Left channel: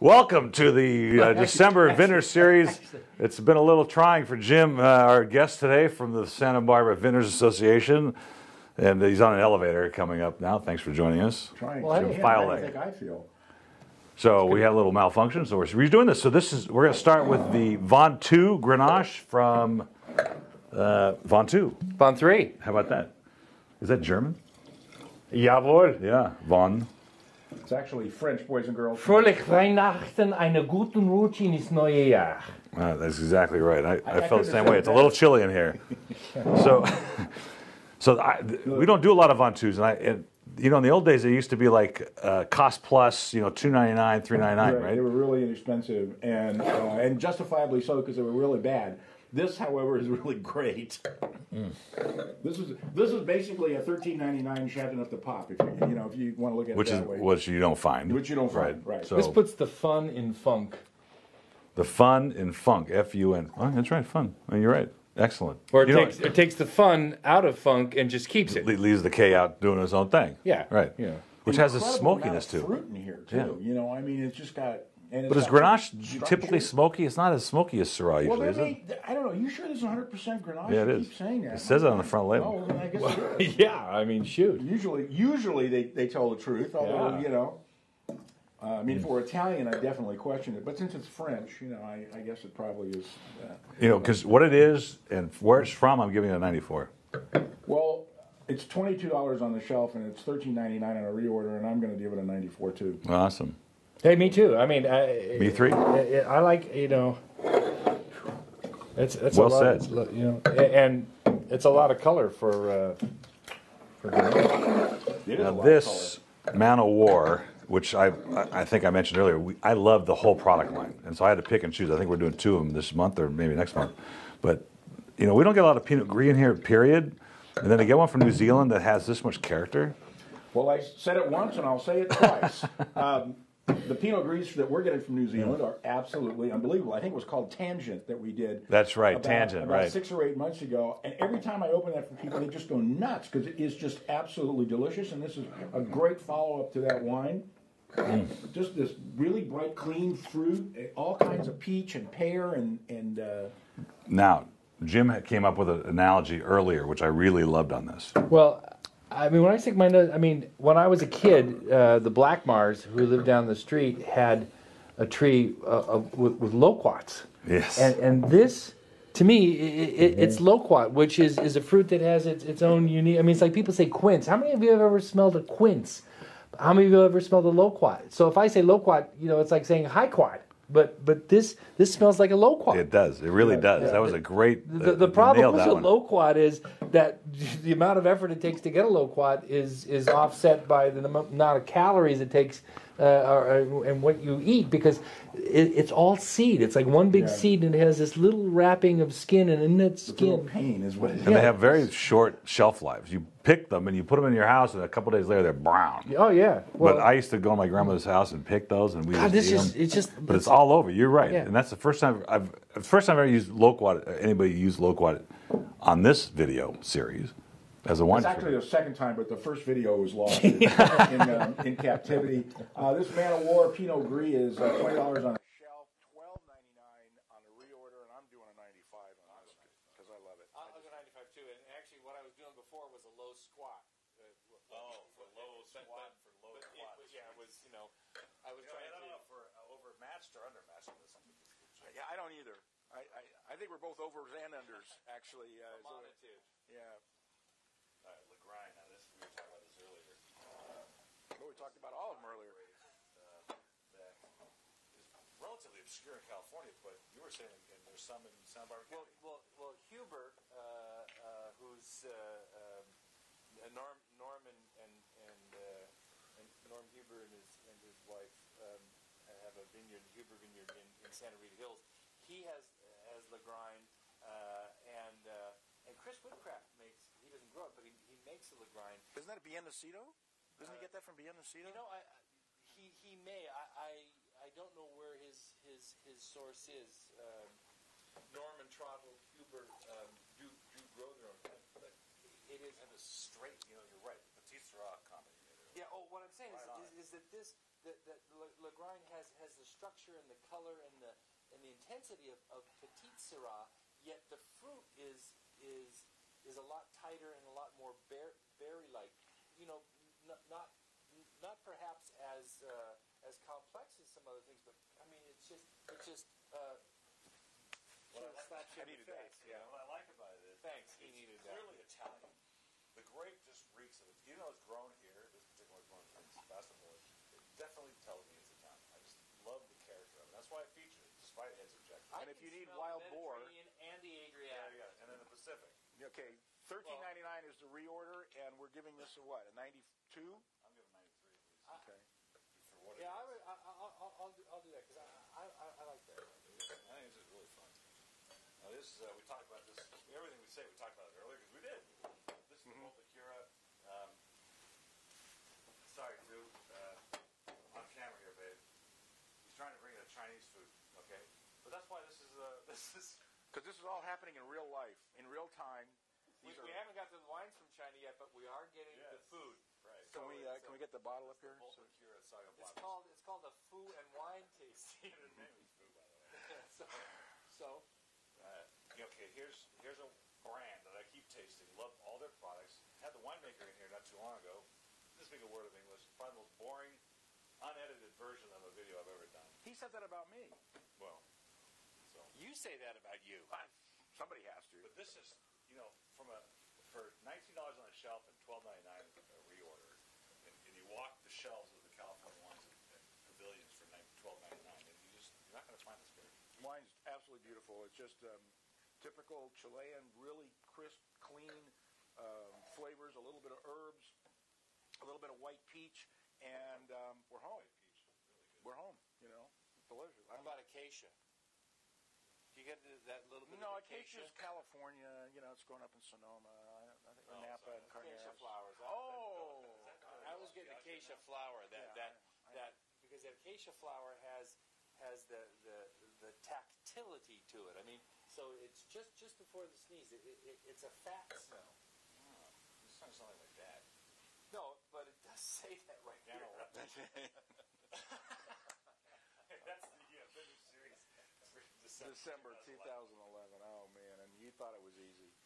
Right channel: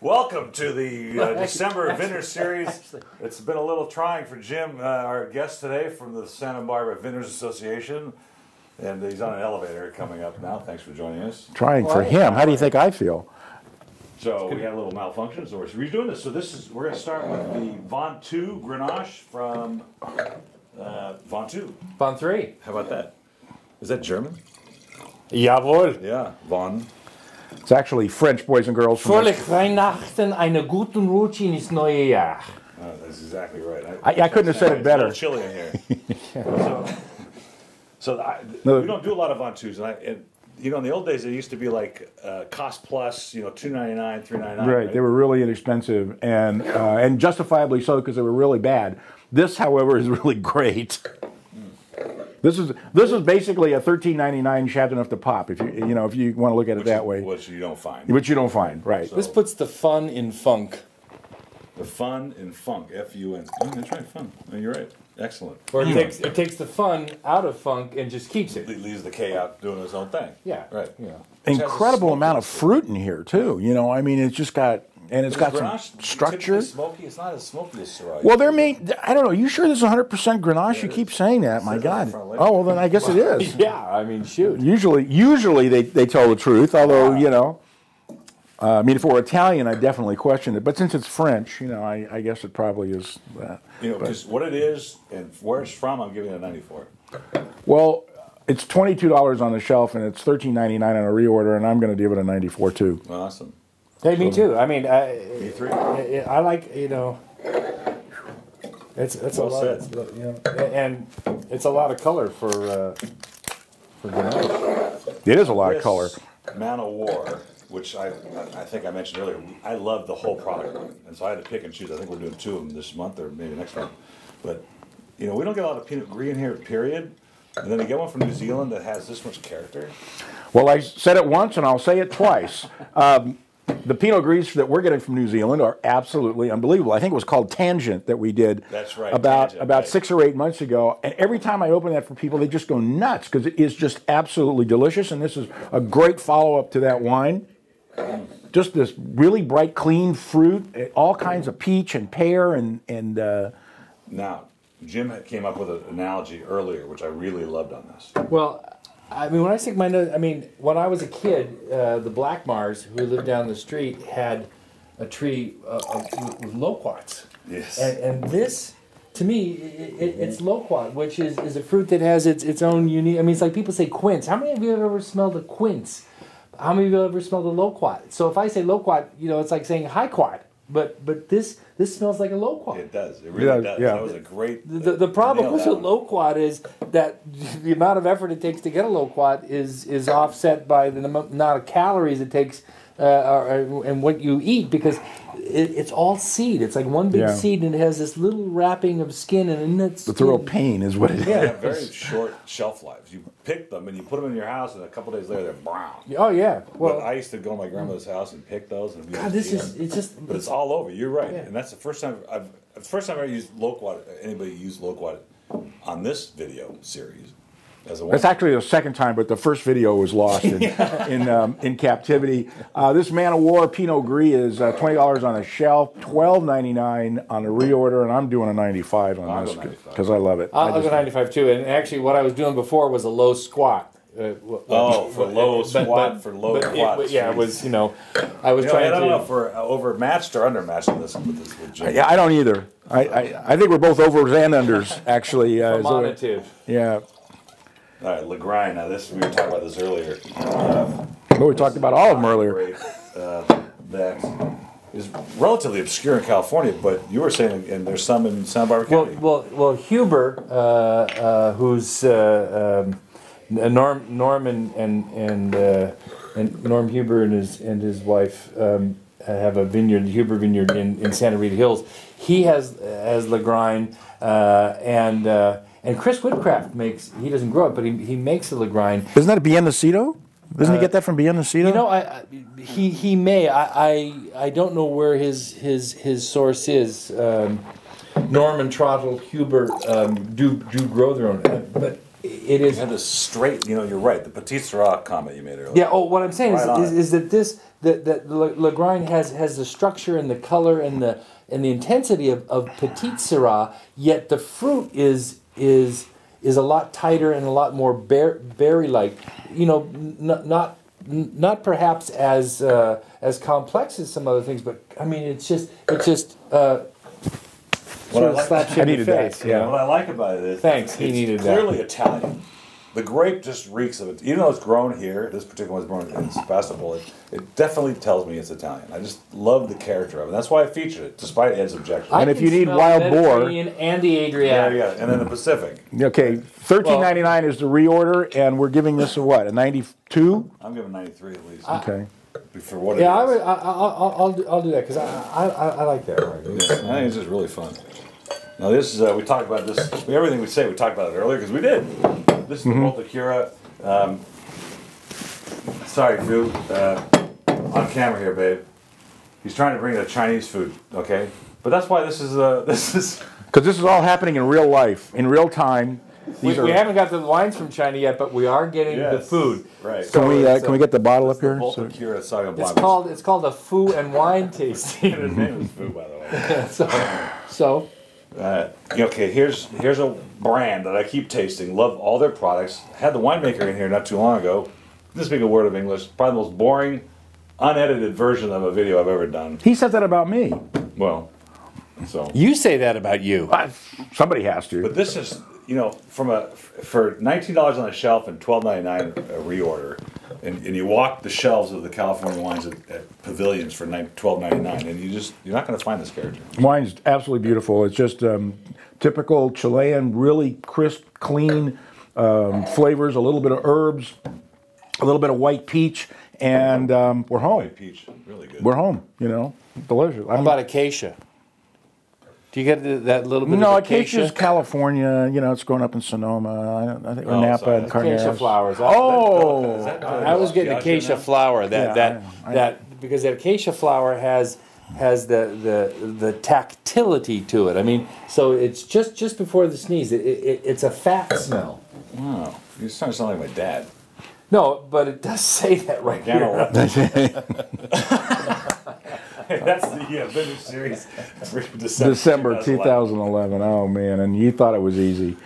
Welcome to the December Vintners Series. It's been a little trying for Jim, our guest today from the Santa Barbara Vintners Association. And he's on an elevator coming up now. Thanks for joining us. Trying for him. How do you think I feel? So we had a little malfunction, so we're redoing this. So we're going to start with the Von 2 Grenache from Von 2. Von 3. How about that? Is that German? Jawohl. Yeah, Von. It's actually French, boys and girls. Fröhlich Weihnachten, einen guten Rutsch ins neue Jahr. That's exactly right. I couldn't have said it better. It's a little chilly in here. We don't do a lot of Von 2s, and in the old days, it used to be like cost plus, $2.99, $3.99. Right. They were really inexpensive, and justifiably so because they were really bad. This, however, is really great. This is basically a $13.99 Chateauneuf de Pop, if you want to look at it that way. Which you don't find. Which you don't find, right. So, this puts the fun in funk. The fun in funk, F-U-N. Oh, that's right, fun. Oh, you're right. Excellent. Or it takes the fun out of funk and just keeps it. Leaves the K out doing its own thing. Yeah. Right. Incredible amount of fruit in here, too. Yeah. It's just got... And it's got Grenache structure. Typically smoky. It's not as smoky as Syrah. Well, they're made. I don't know. You sure this is 100% Grenache? Yeah, You keep saying that. My God. On the Oh well, then I guess it is. Yeah, shoot. Usually they tell the truth. Although if it were Italian, I definitely question it. But since it's French, I guess it probably is. Because what it is and where it's from, I'm giving it a 94. Well, it's $22 on the shelf and it's $13.99 on a reorder, and I'm going to give it a 94 too. Awesome. Hey, me too. Me three. I like, it's well a lot, said. and it's a lot of color for Grenache. It is a lot of color. Man of War, which I think I mentioned earlier, I love the whole product line, and so I had to pick and choose. I think we're doing 2 of them this month or maybe next month. But we don't get a lot of Pinot Gris in here, period. And then to get one from New Zealand that has this much character. Well, I said it once and I'll say it twice. The Pinot Gris that we're getting from New Zealand are absolutely unbelievable. I think it was called Tangent that we did. That's right. About 6 or 8 months ago. And every time I open that for people, they just go nuts because it is just absolutely delicious. And this is a great follow-up to that wine. Just this really bright, clean fruit, all kinds of peach and pear and. Now, Jim came up with an analogy earlier, which I really loved on this. Well, when I stick my nose, when I was a kid, the Blackmars who lived down the street had a tree with loquats. Yes. And this, to me, it's loquat, which is a fruit that has its own unique. It's like people say quince. How many of you have ever smelled a quince? How many of you have ever smelled a loquat? So if I say loquat, it's like saying highquat. But this smells like a loquat. It does. It really does. Yeah. That was a great. The problem with a loquat is that the amount of effort it takes to get a loquat is offset by the amount of calories it takes and what you eat, because it's all seed. It's like one big seed, and it has this little wrapping of skin, and in that skin, the real pain is what it is. They have very short shelf lives. You pick them and you put them in your house, and a couple days later they're brown. Oh yeah. Well, but I used to go to my grandmother's house and pick those, and God, but it's all over. You're right, yeah. And that's the first time I've ever used loquat. Anybody used loquat on this video series. That's actually the second time, but the first video was lost in captivity. This Man of War Pinot Gris is $20 on the shelf, $12.99 on the reorder, and I'm doing a 95 on this because I love it. I'll go 95 too. And actually, what I was doing before was a low squat. For low squat. Yeah, it was. I was trying to. I don't know if we're overmatched or undermatched with Jim. Yeah, I don't either. I think we're both overs and unders actually. Formative. Yeah. All right, Legrine. Now, we were talking about this earlier. We talked about all of them earlier. That is relatively obscure in California, but you were saying, and there's some in Santa Barbara County. Well, Huber, who's Norm and Norm Huber and his wife have a vineyard, the Huber Vineyard in Santa Rita Hills. He has Legrine and Chris Whitcraft he doesn't grow it, but he makes the Legrine. Isn't that a Biennacido? Doesn't he get that from Biennacido? He may. I don't know where his source is. Norman Trottle, Huber do grow their own, but it is. You had this straight, you know, you're right, the Petit Syrah comment you made earlier. Yeah. Oh, what I'm saying Right on is that that Legrine has the structure and the color and the intensity of Petit Syrah, yet the fruit is a lot tighter and a lot more berry-like. You know, not perhaps as complex as some other things, but I mean, it's just sort of slaps you in the face. Yeah. What I like about it is Thanks, he needed it's that. clearly Italian. The grape just reeks of it. Even though it's grown here, this particular one's grown in Sebastopol, it definitely tells me it's Italian. I just love the character of it. That's why I featured it, despite Ed's objection. And if you need wild boar, and the Adriatic. Yeah, and then the Pacific. okay, $13.99 is the reorder, and we're giving this a what? A 92? I'm giving 93 at least. Okay. For what it is. Yeah, I'll do that because I like that. Yeah, I think it's just really fun. Now this is, we talked about this, everything we say, we talked about it earlier because we did. This is the Multicura. Sorry, Fu, on camera here, babe. He's trying to bring the Chinese food, okay? But that's why this is. Because this is all happening in real life, in real time. We haven't got the wines from China yet, but we are getting the food. Right. Can we get the bottle up here? Multicura Sauvignon It's Blanc. it's called a food and wine tasting. His name is Fu, by the way. so Okay, here's a brand that I keep tasting. Love all their products. Had the winemaker in here not too long ago. This big a word of English. Probably the most boring, unedited version of a video I've ever done. He said that about me. Well, so. you say that about you. Somebody has to. But this is, you know, for $19 on the shelf and $12.99 a reorder, and you walk the shelves of the California wines at pavilions for $12.99, and you're not going to find this character. Wine's absolutely beautiful. It's just typical Chilean, really crisp, clean flavors, a little bit of herbs, a little bit of white peach, and we're home. White peach, really good. We're home, you know, delicious. How about acacia? Do you get that little bit No, of acacia? acacia's California. You know, it's growing up in Sonoma. I think or Napa sorry. and Acacia Carneros. flowers. Oh, I was getting acacia flower. Because the acacia flower has the tactility to it. I mean, so it's just before the sneeze. It's a fat smell. Wow, you're starting to sound like my dad. No, but it does say that right here. That's the vintage series for December December 2011. Oh man, and you thought it was easy.